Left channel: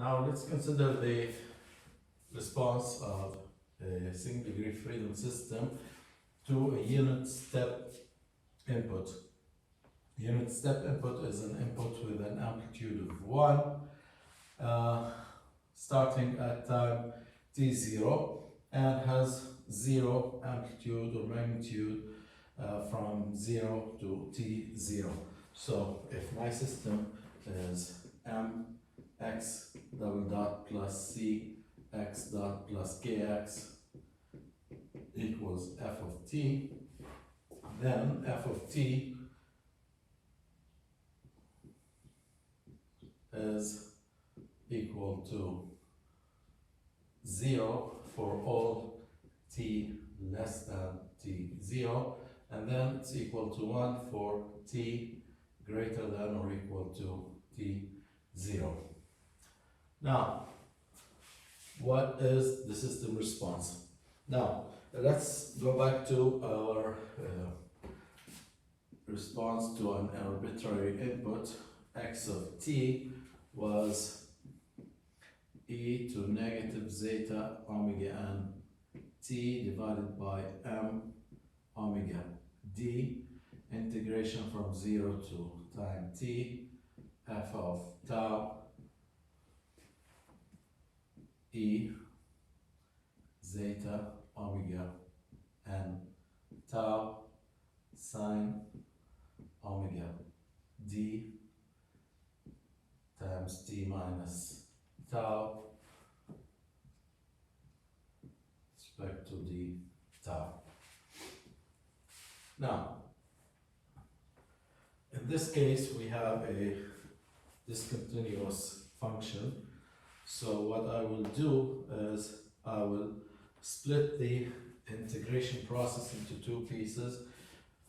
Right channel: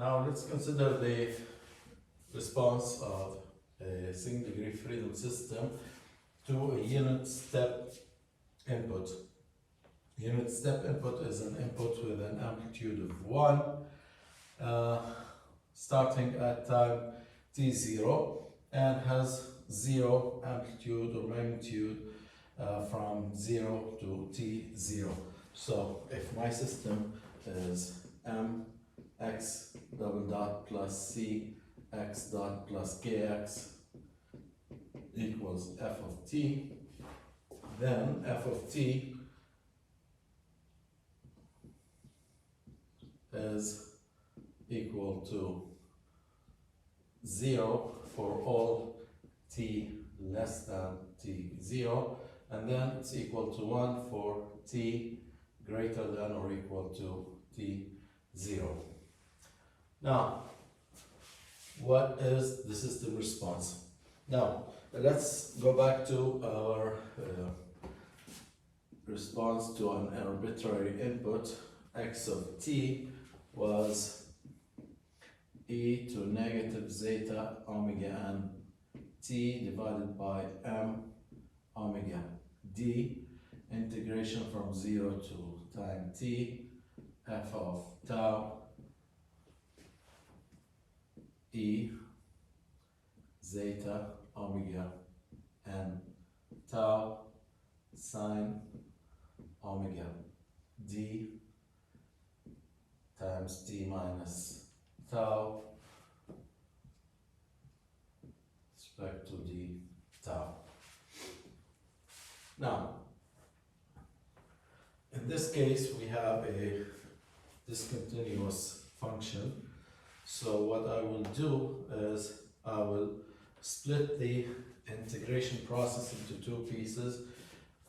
Now let's consider the response of a single degree freedom system to a unit step input. Unit step input is an input with an amplitude of 1, starting at time t0, and has 0 amplitude or magnitude from 0 to t0. So if my system is mx double dot plus c x dot plus kx equals f of t, then f of t is equal to 0 for all t less than t0, and then it's equal to 1 for t greater than or equal to t0. Now, what is the system response? Now, let's go back to our response to an arbitrary input. X of t was e to negative zeta omega n t divided by m omega d, integration from 0 to time t, f of tau e zeta omega n tau sine omega d times t minus tau respect to d tau. Now, in this case, we have a discontinuous function. So what I will do is I will split the integration process into two pieces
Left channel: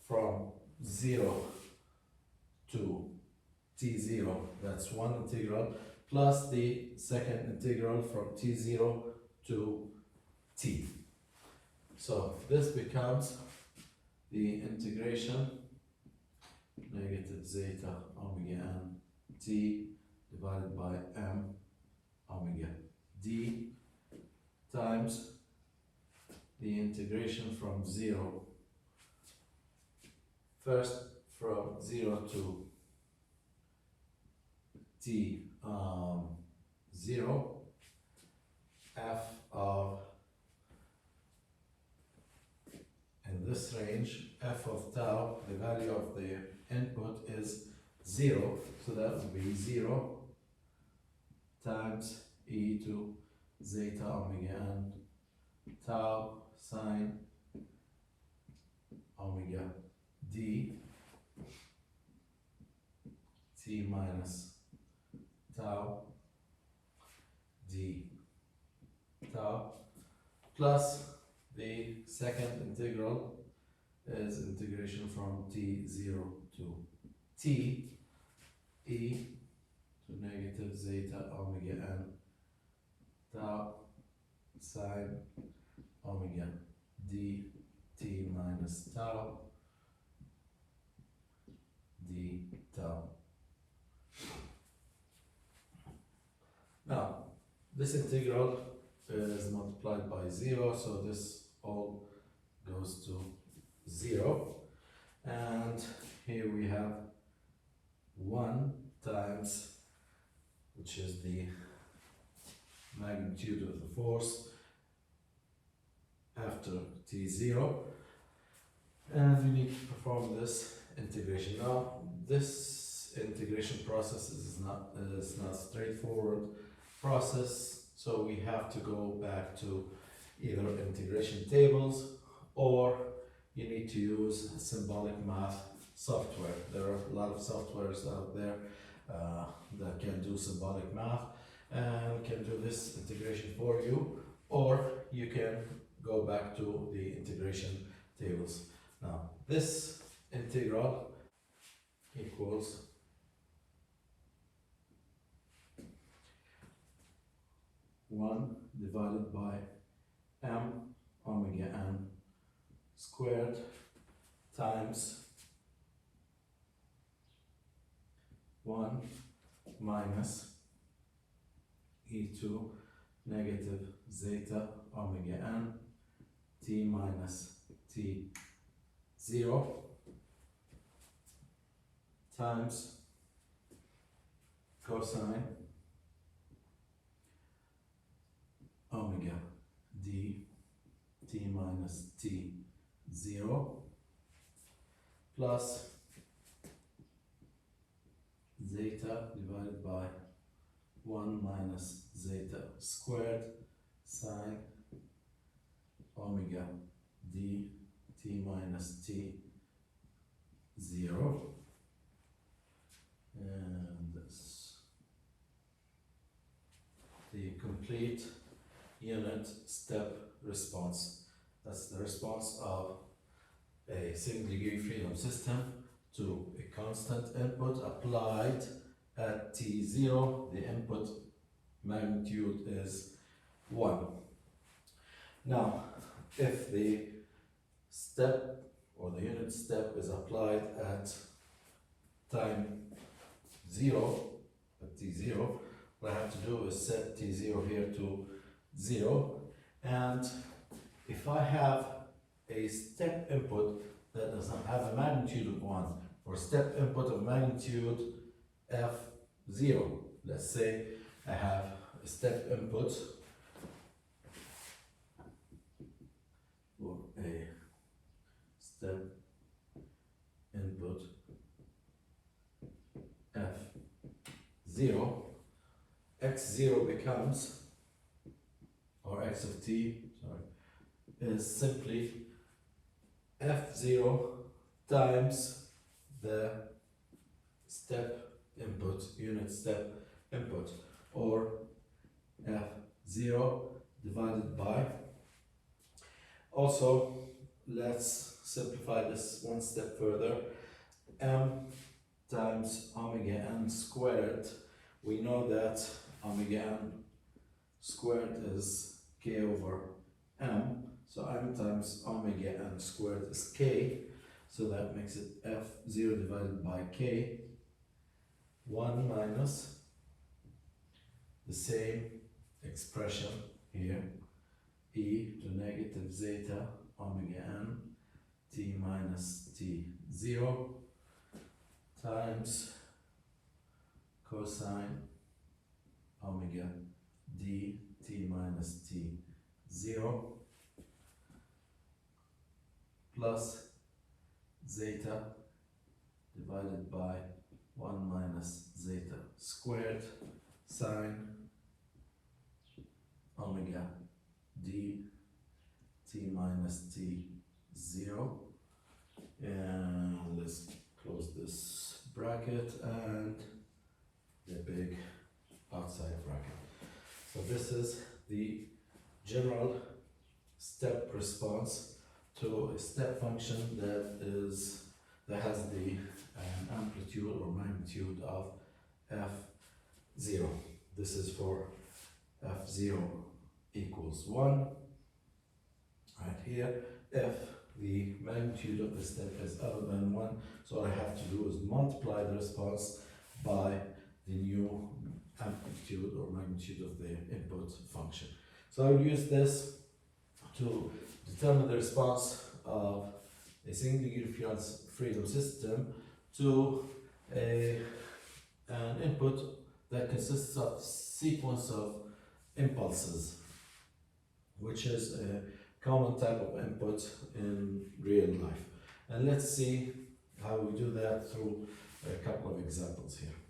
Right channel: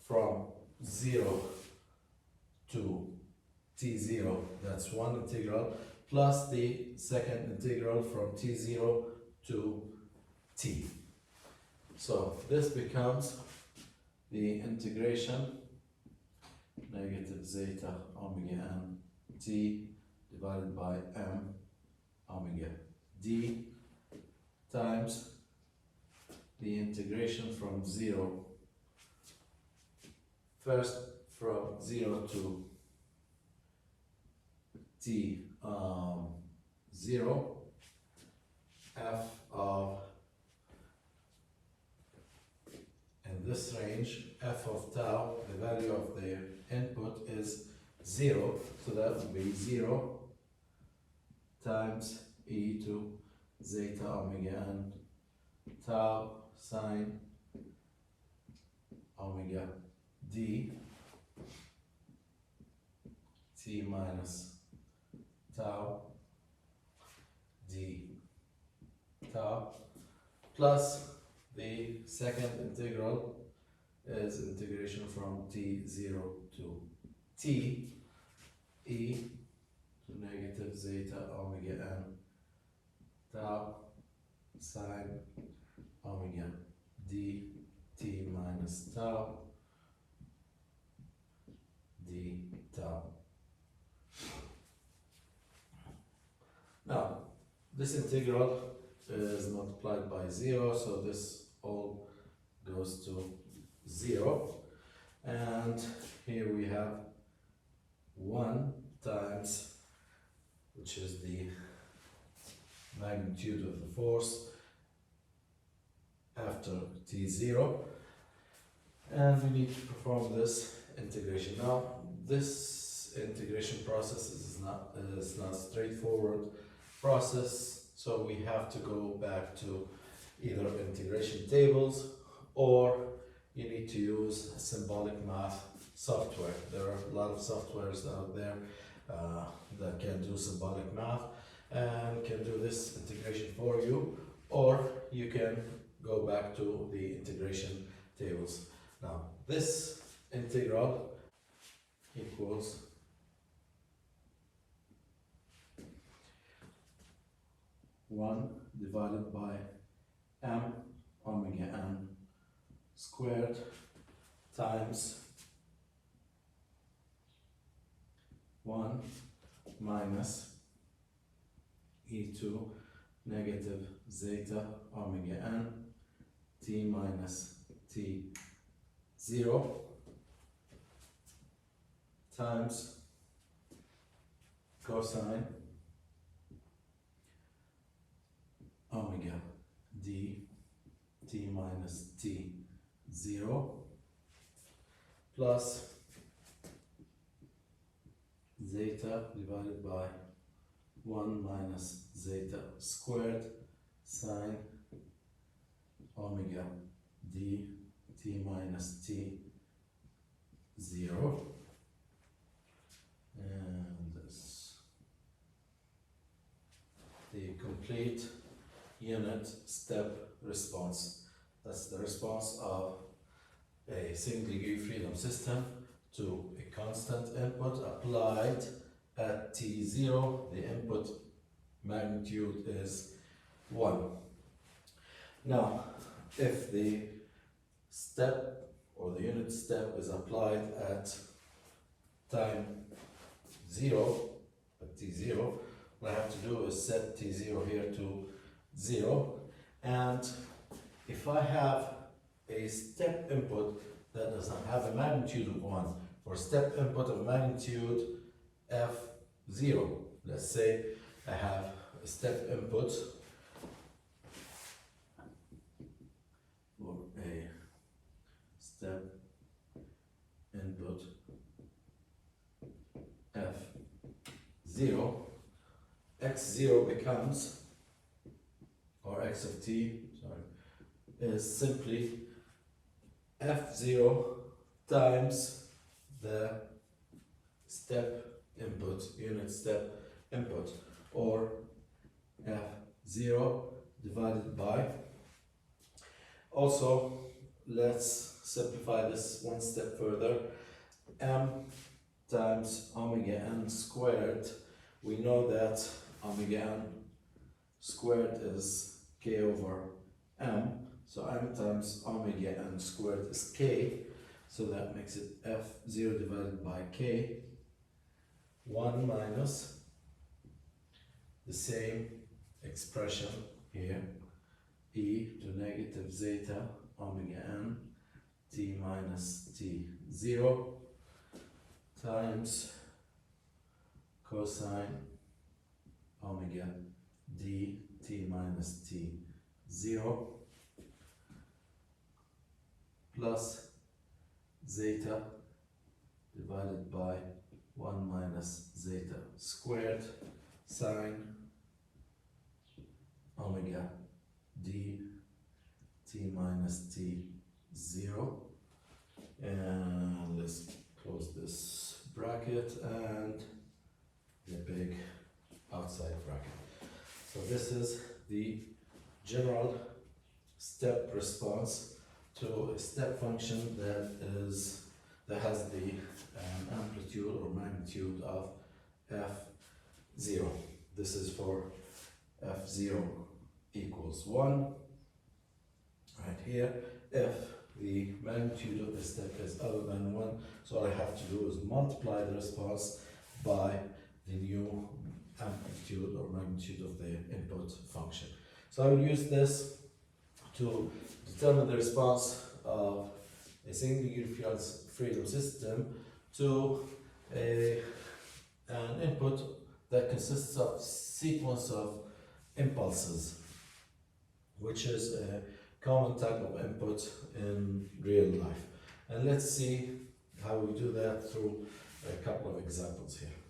from 0 to t0, that's one integral, plus the second integral from t0 to t. So this becomes the integration negative zeta omega n t divided by m omega d times the integration from 0, first from 0 to t 0, f of, in this range, f of tau, the value of the input is 0, so that would be 0 times e to zeta omega n tau sine omega d t minus tau d tau, plus the second integral is integration from t0 to t e to negative zeta omega n tau sine omega d t minus tau d tau. Now, this integral is multiplied by 0, so this all goes to 0. And here we have 1 times, which is the magnitude of the force after t0. And we need to perform this integration. Now, this integration process is not straightforward process, so we have to go back to either integration tables or you need to use symbolic math software. There are a lot of softwares out there that can do symbolic math and can do this integration for you, or you can go back to the integration tables. Now, this integral equals one divided by m omega n squared times 1 minus e to negative zeta omega n t minus t 0 times cosine omega d t minus t 0 plus zeta divided by 1 minus zeta squared sine omega d t minus t 0, and this the complete unit step response. That's the response of a single degree freedom system to a constant input applied at t0. The input magnitude is 1. Now, if the step or the unit step is applied at time 0, at t0, what I have to do is set t0 here to 0, and if I have a step input that does not have a magnitude of 1, for step input of magnitude f0, let's say I have a step input for a step input f0, x0 becomes, or x of t, sorry, is simply f0 times the step input, unit step input, or f0 divided by, also let's simplify this one step further, m times omega n squared. We know that omega n squared is k over m, so m times omega n squared is k, so that makes it f0 divided by k, 1 minus the same expression here, e to negative zeta omega n t minus t 0 times cosine omega d t minus t 0 plus zeta divided by 1 minus zeta squared sine omega d t minus t 0, and let's close this bracket and the big outside bracket. So this is the general step response to a step function that has the amplitude or magnitude of f0. This is for f0 equals 1 right here. If the magnitude of the step is other than 1, so all I have to do is multiply the response by the new amplitude or magnitude of the input function. So I will use this to determine the response of a single degree freedom system to an input that consists of sequence of impulses, which is a common type of input in real life. And let's see how we do that through a couple of examples here.